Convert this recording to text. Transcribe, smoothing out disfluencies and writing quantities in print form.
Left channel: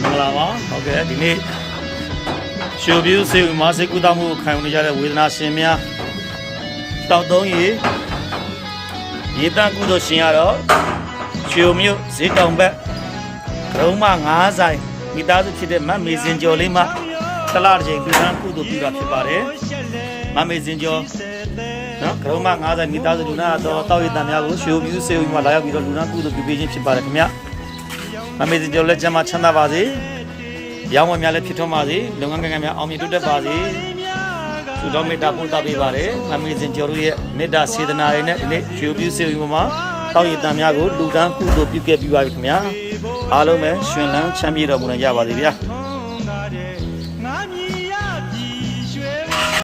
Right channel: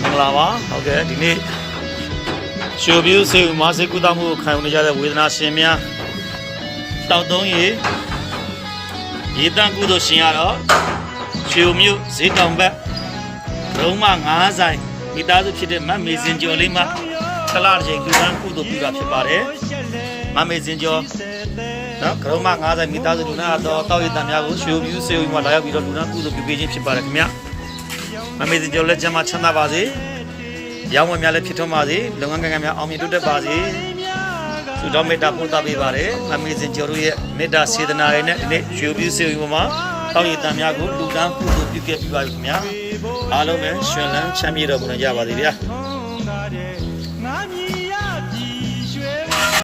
မင်္ဂလာပါဟုတ်ကဲ့ဒီနေ့ရှုပ်ပြူစေမာစေကူတောင်းမှုခံယူနေကြတဲ့ဝေဒနာရှင်များတောက်သုံးရေတန်းကုသိုလ်ရှင်ရတော့ဖြိုမြို့ဈေးတောင်ဘက်လုံးမ9ဆိုင်မိသားစုဖြစ်တဲ့မမေစင်ကျော်လေးမှဆလာတစ်ချိန်ဒီကန်းကုသိုလ်ပြုတာဖြစ်ပါတယ်မမေစင်ကျော်နော်ကရုံးမ9ဆိုင်မိသားစုလူနာတော့တောက်ရည်တန်များကိုရှုပ်ပြူစေမှာလာရောက်ပြီးတော့လူနာကုသိုလ်ပြုပေးခြင်းဖြစ်ပါတယ်ခင်ဗျမမေစင်ကျော်လက်ကျမ်းမှာချမ်းသာပါစေရောင်းဝယ်များလည်းဖြစ်ထွန်းပါစေလုပ်ငန်းကံများအောင်မြင်တိုးတက်ပါစေသူတော်မေတ္တာပို့သပေးပါတယ်မမေစင်ကျော်တို့ရဲ့မေတ္တာစေတနာတွေနဲ့ဒီနေ့ရှုပ်ပြူစေမှာတောက်ရည်တန်များကိုလူကန်းကုသိုလ်ပြုခဲ့ပြီးပါပြီခင်ဗျာအားလုံးပဲရှင်လန်းချမ်းမြေ့တော်မူကြပါစေဗျာ